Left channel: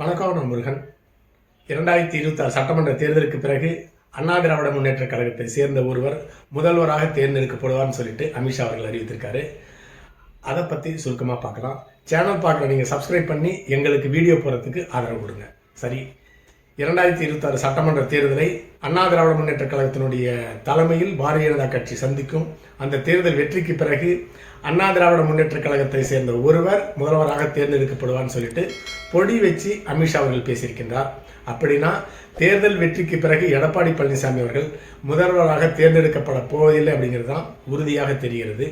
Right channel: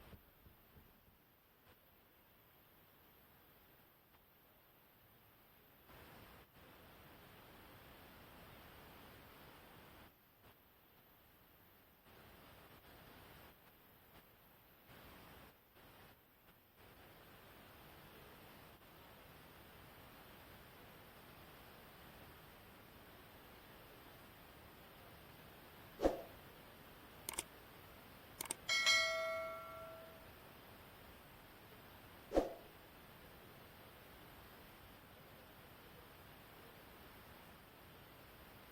வணக்கம். நான் முருகன். 2026 சட்டமன்ற தேர்தலுக்கு பிறகு அண்ணா திராவிட முன்னேற்ற கழகத்தை சேர்ந்த ஒருவர் முதல்வராக தேர்ந்தெடுக்கப்படுவார்னு சொல்லிட்டு அமித்ஷா அவர்கள் அறிவித்திருக்காரு. அதை பற்றி சுருக்கமாக பார்க்கலாம். சேனல் பார்க்குற நீங்கள் சப்ஸ்கிரைப் பண்ணி எங்களுக்கு வீடியோ போகிறதுக்கு ஆதரவு கொடுங்க. சரி, 2026 சட்டமன்ற தேர்தலை அண்ணா திராவிட முன்னேற்ற கழகத்தினுடைய தலைமையில் பாரதிய ஜனதா கட்சி சந்திக்கும். அந்த தேர்தல் வெற்றிக்கு பிறகு அண்ணா திராவிட முன்னேற்ற கழகத்தை சேர்ந்த ஒருவர் முதல்வராக தேர்ந்தெடுக்கப்படுவார்னு சொல்லிட்டு பொடி வச்சு அமித்ஷா அவர்கள் பேசியிருக்கின்றார். அப்படின்னா தேர்தல் வெற்றிக்கு பிறகு எடப்பாடி பழனிசாமி அவர்கள் முதல்வராக தேர்ந்தெடுக்கப்பட போவதில்லை அப்படிங்கிறது தான் உறுதியாக தெரிகிறது.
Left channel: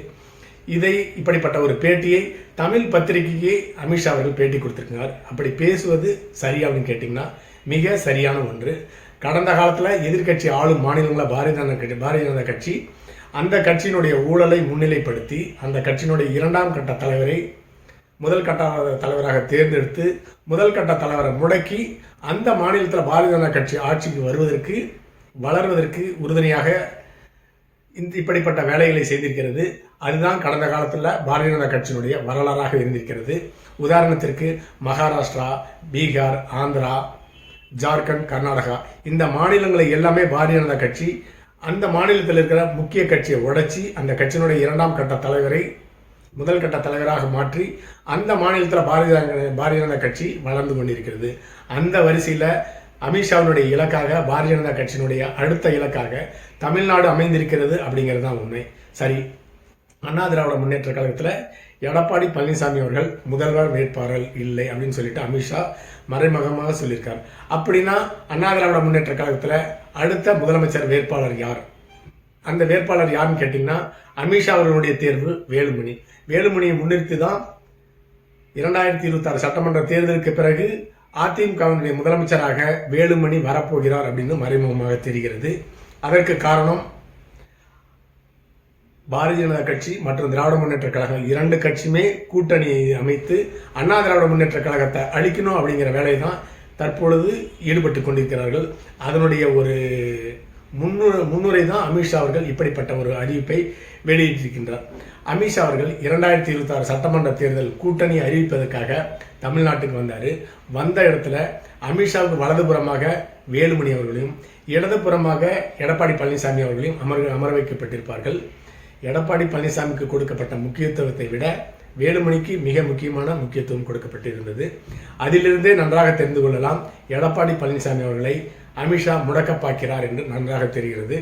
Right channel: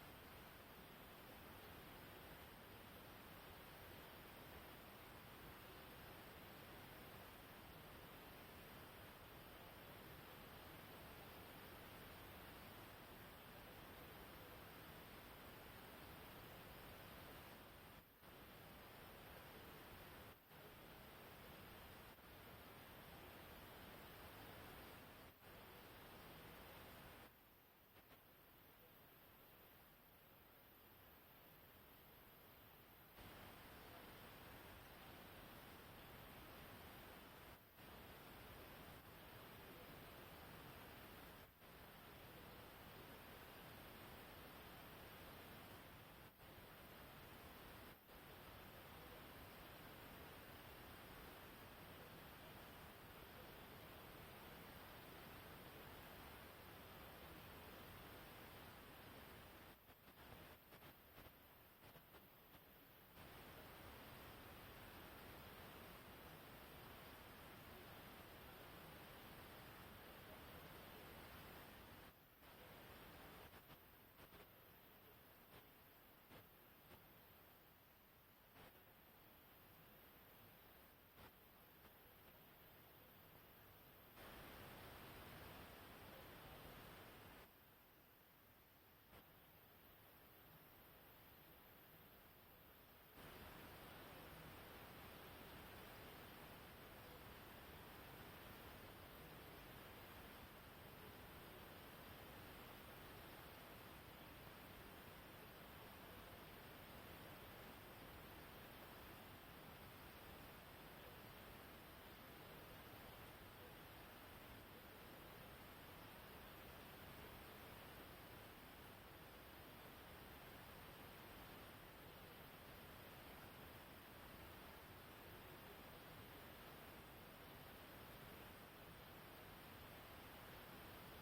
இப்படிப்பட்ட ஒரு பேட்டியை தமிழ் பத்திரிகைக்கு அமித்ஷா அவர்கள் பேட்டி கொடுத்திருக்கிறார். அப்படி பேசுவது சரியா அப்படின்னு கேட்டிங்கன்னா மிக சரியான ஒன்று. கடந்த காலத்தில் எதிர்கட்சி ஆளும் மாநிலங்களில் பாரதிய ஜனதா கட்சி அந்த கட்சியினுடைய ஊழலை முன்னிலைப்படுத்தி அந்த கட்சியினுடைய இரண்டாம் கட்ட தலைவரை முதல் கட்ட தலைவராக தேர்ந்தெடுத்து முதல் கட்ட தலைவரை முடக்கி அந்த மாநிலத்தில் பாரதிய ஜனதா கட்சி ஆட்சிக்கு வளர்வதற்கு உறுதுணையாக இப்படிப்பட்ட வேலைகளை செய்திருக்கிறது. அதுதான் கடந்த காலத்தில் பாரதிய ஜனதா கட்சியினுடைய வரலாறாக இருந்திருக்கிறது. உதாரணத்திற்கு மகாராஷ்டிரா, பீகார், ஆந்திரா, ஜார்க்கண்ட், கர்நாடகா இந்த மாநிலங்களை எல்லாமே பாரதிய ஜனதா கட்சி அந்த மாநிலத்தில் இருக்கிற முக்கிய கட்சியை உடைச்சி அந்த கட்சியினுடைய இரண்டாம் கட்ட தலைவரை முதல் கட்ட தலைவராக மாற்றி அந்த மாநிலத்தில் பாரதிய ஜனதா கட்சி வளர்ந்து கொண்டிருக்கிறது. அந்த வரிசையில் அமித்ஷாவினுடைய இலக்காக பாரதிய ஜனதா கட்சியினுடைய அடுத்த இலக்காக தமிழ்நாடு அமைந்திருக்கிறது அப்படிங்கிறது தான் உண்மை. சரி, அண்ணா திராவிட முன்னேற்ற கழகத்தில் எடப்பாடி பழனிசாமி அவர்கள் முதல்வர் வேட்பாளர் இல்லை அப்படின்னு சொல்லிட்டு அமித்ஷா மறைமுகமாக சொல்லியிருக்கார். அப்படின்னா அண்ணா திராவிட முன்னேற்ற கழகத்தில் அடுத்த முதலமைச்சர் வேட்பாளர் யார்? அந்த வேட்பாளர் யாருன்னு கேட்டிங்கன்னா அமித்ஷா அவர்களுடைய தேர்வு வேலுமணி. வேலுமணியை முன்னிறுத்தி தான் 2026 சட்டமன்ற தேர்தலுக்கு பிறகு அதிமுகவினுடைய முதலமைச்சராக வேலுமணி வரப்போகிறார் அப்படின்னு மறைமுகமாக தெரிகிறது. அதற்கு காரணம் பாரதிய ஜனதா கட்சி மற்றும் திராவிட முன்னேற்ற கழகம் இரண்டு கட்சியுமே கூட்டணியை அமைத்து அண்ணா திராவிட முன்னேற்ற கழகத்தை அழிக்கணும் அப்படிங்கிற வேலையை தான் தற்பொழுது ஈடுபட்டு கொண்டிருக்கிறார்கள். அதனுடைய ஒரு முன்னுரை தான் அமித்ஷா அவர்கள் இப்படிப்பட்ட ஒரு அறிவிப்பை வெளியிட்டிருக்கின்றார். அமித்ஷா அவர்கள் 2026 சட்டமன்ற தேர்தல் கூட்டணி அறிவிப்பதற்காக தமிழ்நாட்டுக்கு வந்தார். வந்த இடத்துல அமித்ஷாவுக்கு வலதுபுறமாக வேலுமணி அவர்களையும் இடதுபுறமாக எடப்பாடி பழனிசாமி அவர்களையும் அமர வைக்கப்பட்டிருப்பார்கள். எடப்பாடி பழனிசாமிக்கு கொடுக்கப்பட்ட முக்கியத்துவத்தை விட வேலுமணிக்கு மிக முக்கியமான முக்கியத்துவம் கொடுக்கப்பட்டிருந்தது. அதிலிருந்தே நன்றாக தெரிந்து கொள்ளலாம் எடப்பாடி பழனிசாமி அவர்களை அமித்ஷா முடக்க பார்க்கிறார் என்று நன்றாக தெரிகிறது.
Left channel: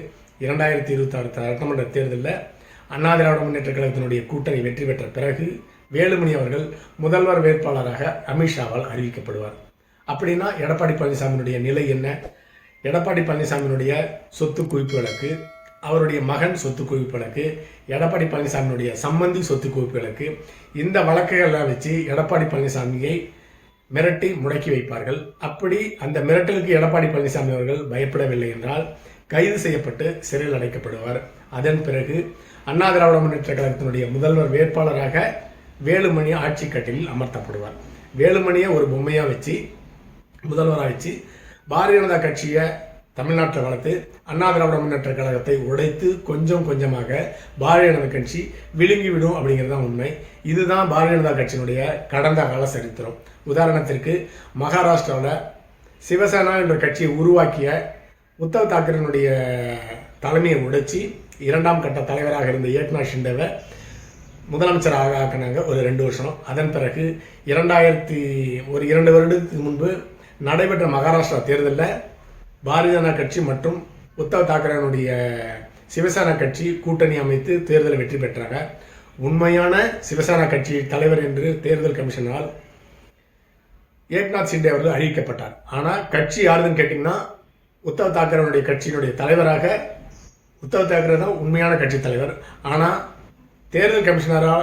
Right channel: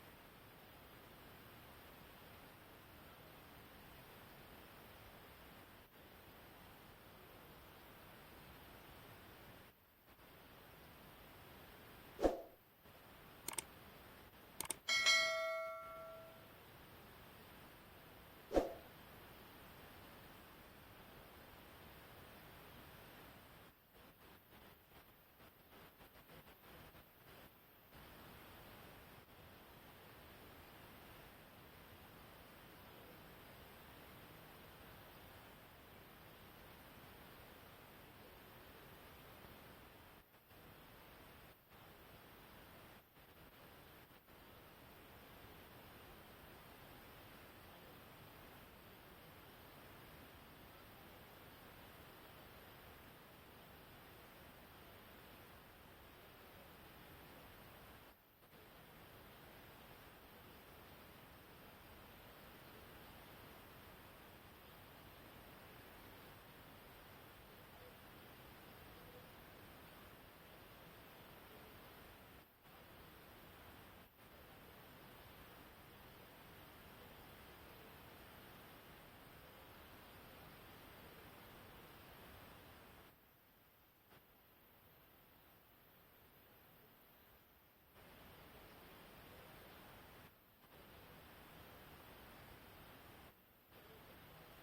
2026 சட்டமன்ற தேர்தலில் அண்ணா திராவிட முன்னேற்ற கழகத்தினுடைய கூட்டணி வெற்றி பெற்ற பிறகு வேலுமணி அவர்கள் முதல்வர் வேட்பாளராக அமித்ஷாவால் அறிவிக்கப்படுவார். அப்படின்னா எடப்பாடி பழனிசாமியினுடைய நிலை என்ன? எடப்பாடி பழனிசாமியினுடைய சொத்து குவிப்பு வழக்கு, அவருடைய மகன் சொத்து குவிப்பு வழக்கு, எடப்பாடி பழனிசாமியினுடைய சம்பந்தி சொத்து குவிப்பு வழக்கு, இந்த வழக்குகளை வச்சு எடப்பாடி பழனிசாமியை மிரட்டி முடக்கி வைப்பார்கள். அப்படி அந்த மிரட்டலுக்கு எடப்பாடி பழனிசாமி அவர்கள் பயப்படவில்லை என்றால் கைது செய்யப்பட்டு சிறையில் அடைக்கப்படுவார். அதன் பிறகு அண்ணா திராவிட முன்னேற்ற கழகத்தினுடைய முதல்வர் வேட்பாளராக வேலுமணி ஆட்சி கட்டிலில் அமர்த்தப்படுவார். வேலுமணியை ஒரு பொம்மையாக வச்சு முதல்வராக வச்சு பாரதிய ஜனதா கட்சியை தமிழ்நாட்டில் வளர்த்து அண்ணா திராவிட முன்னேற்ற கழகத்தை உடைத்து கொஞ்சம் கொஞ்சமாக பாரதிய ஜனதா கட்சி விழுங்கிவிடும் அப்படிங்கிறது தான் உண்மை. இதுதான் பாரதிய ஜனதா கட்சியினுடைய கடந்த கால சரித்திரம். உதாரணத்திற்கு மகாராஷ்டிராவில் சிவசேனா என்ற கட்சியை உருவாக்கிய உத்தவ் தாக்கரேனுடைய தலைமையை உடைச்சி இரண்டாம் கட்ட தலைவராக இருந்த ஏக்நாத் ஷிண்டேவை முதலமைச்சராக ஆக்கினாங்க ஒரு 2 வருஷம். அதன் பிறகு 2 வருடத்துக்கு முன்பு நடைபெற்ற மகாராஷ்டிரா தேர்தலில் பாரதிய ஜனதா கட்சி மற்றும் உத்தவ் தாக்கரேனுடைய சிவசேனா கட்சி கூட்டணி அமைத்து தேர்தலை வெற்றி பெற்றாங்க. உண்மையான சிவசேனா கட்சி தலைவர் என்று தேர்தல் கமிஷனால் ஏக்நாத் ஷிண்டே அவர்கள் அறிவிக்கப்பட்டார். ஆனால் கட்சி யாருன்னு கேட்டிங்கன்னா உத்தவ் தாக்கரேனுடைய கட்சியினுடைய தலைவராக உத்தவ் தாக்கரே தான் உண்மையான கட்சி தலைவர். ஆனால் தேர்தல் கமிஷனராக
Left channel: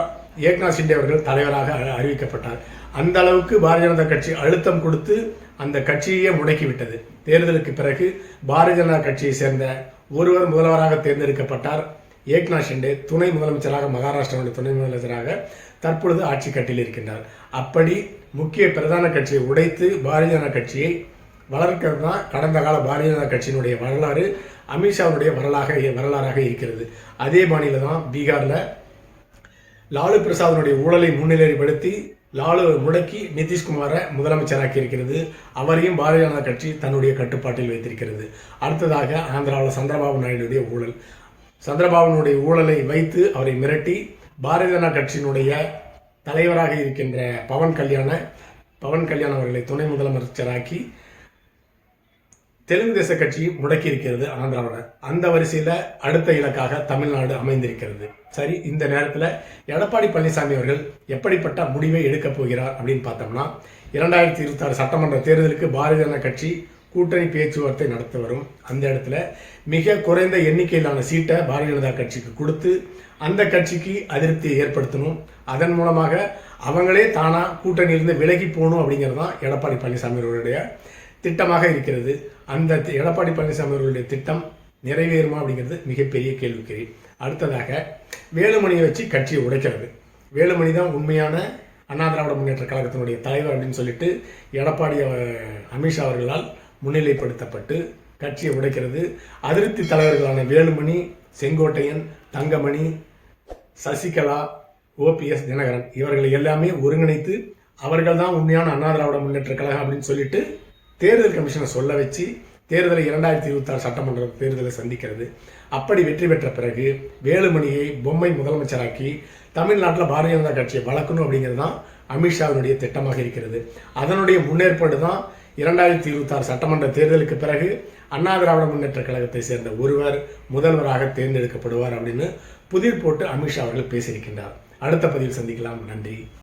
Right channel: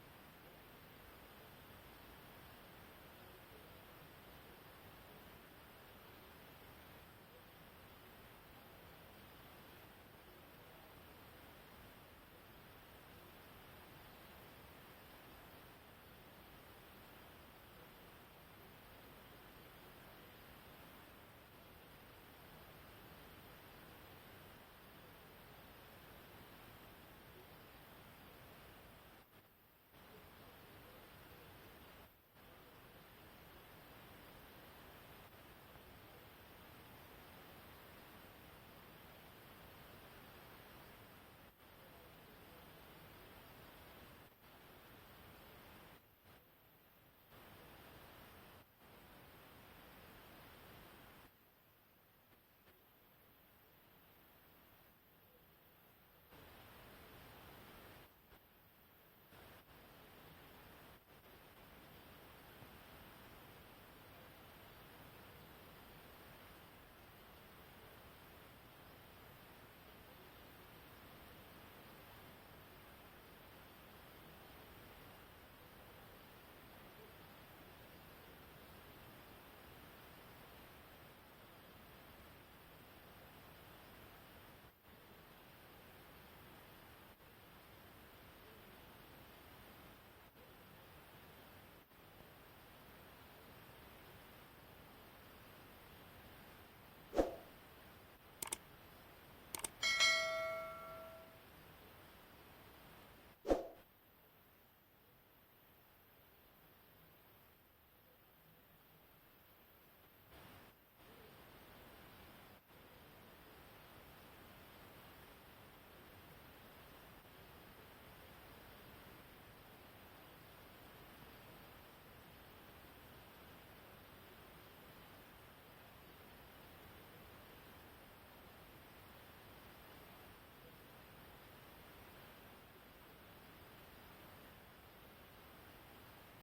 ஏக்நாத் ஷிண்டே அவர்கள் தலைவராக அறிவிக்கப்பட்டார். அந்த அளவுக்கு பாரதிய ஜனதா கட்சி அழுத்தம் கொடுத்து அந்த கட்சியே முடக்கிவிட்டது. தேர்தலுக்கு பிறகு பாரதிய ஜனதா கட்சியை சேர்ந்த ஒருவர் முதல்வராக தேர்ந்தெடுக்கப்பட்டார். ஏக்நாத் ஷிண்டே துணை முதலமைச்சராக மகாராஷ்டிராவுடைய துணை முதலமைச்சராக தற்பொழுது ஆட்சி கட்டில் இருக்கின்றார். அப்படி முக்கிய பிரதான கட்சியை உடைத்து பாரதிய ஜனதா கட்சியை வளர்க்கிறது தான் கடந்த கால பாரதிய ஜனதா கட்சியினுடைய வரலாறு அமித்ஷாவுடைய வரலாறாக இருக்கிறது. அதே மாநிலம் தான் பீகாரில் லாலு பிரசாதனுடைய ஊழலை முன்னிலைப்படுத்தி லாலுவை முடக்கி நிதிஷ்குமாரை முதலமைச்சராக்கி இருக்கிறது. அவரையும் பாரதிய ஜனதா கட்சி தன்னுடைய கட்டுப்பாட்டில் வைத்திருக்கிறது. அடுத்ததாக ஆந்திராவில் சந்திரபாபு நாயுடைய ஊழல். சந்திரபாபுனுடைய ஊழலை வைத்து அவரை மிரட்டி பாரதிய ஜனதா கட்சியினுடைய தலைவராக இருக்கின்ற பவன் கல்யாண் அவர்களை துணை முதலமைச்சராக்கி தெலுங்கு தேச கட்சி முடக்கி இருக்கிறது ஆந்திராவில். அந்த வரிசையில் அடுத்த இலக்காக தமிழ்நாடு அமைந்திருக்கிறது. சரி, இந்த நேரத்தில் எடப்பாடி பழனிசாமி அவர்கள் எப்படிப்பட்ட முடிவை எடுக்கப் போகிறார் அப்படின்னு பார்த்தோம்னா, 2026 சட்டமன்ற தேர்தலுக்கு பாரதிய ஜனதா கட்சி கூட்டணி பேச்சுவார்த்தை நடத்த வரும். அந்த இடத்துல மிக குறைந்த எண்ணிக்கையிலான சீட்டை பாரதிய ஜனதா கட்சிக்கு கொடுத்து அந்த கட்சிக்கு அதிருப்தியை ஏற்படுத்தணும். அதன் மூலமாக அவங்களே தானாக கூட்டணியிலிருந்து விலகி போகணும் அப்படிங்கிறது தான் எடப்பாடி பழனிசாமி அவர்களுடைய திட்டமாக இருக்கிறது. அந்த எடப்பாடி பழனிசாமி அவர்களுடைய திட்டம் நிறைவேறுமா அப்படிங்கிறது மிகப்பெரிய கேள்விக்குறி. அடுத்ததாக வேலுமணியை வச்சு கட்சியை உடைக்கிறது. வேலுமணி தான் உண்மையான அண்ணா திராவிட முன்னேற்ற கழகத்தினுடைய தலைவர் அப்படின்னு சொல்லிட்டு எடப்பாடி அமித்ஷா அவர்களால் முன்னிலைப்படுத்தப்பட்டு கட்சியை உடைக்கிறது. அதிருப்தி தலைவர்களான வேலுமணி, செங்கோட்டையன், தங்கமணி, சசிகலா, ஓபிஎஸ் தினகரன் இவர்களை எல்லாமே ஒருங்கிணைத்து அவர்கள் தான் உண்மையான அண்ணா திராவிட முன்னேற்ற கழகம் அப்படின்னு சொல்லிட்டு தேர்தல் கமிஷனை சொல்ல வச்சு தேர்தலை 2026 சட்டமன்ற தேர்தலை சந்திக்கிறது. அப்படி வெற்றி பெற்ற பிறகு வேலுமணியை பொம்மை முதலமைச்சராக்கி தமிழ்நாட்டில் பாரதிய ஜனதா கட்சியை வளர்க்கணும் அப்படிங்கிறது தான் அமித்ஷாவினுடைய திட்டமாக இருக்கிறது. அதனுடைய முன்னேற்பாடு தான் 2026 சட்டமன்ற தேர்தலுக்கு பிறகு அண்ணா திராவிட முன்னேற்ற கழகத்தை சேர்ந்த ஒருவர் முதல்வராக தேர்ந்தெடுக்கப்படுவார் அப்படின்னு புதிர் போட்டு அமித்ஷா அவர்கள் பேசியிருக்கின்றார். அடுத்த பதிவில் சந்திக்கலாம். நன்றி.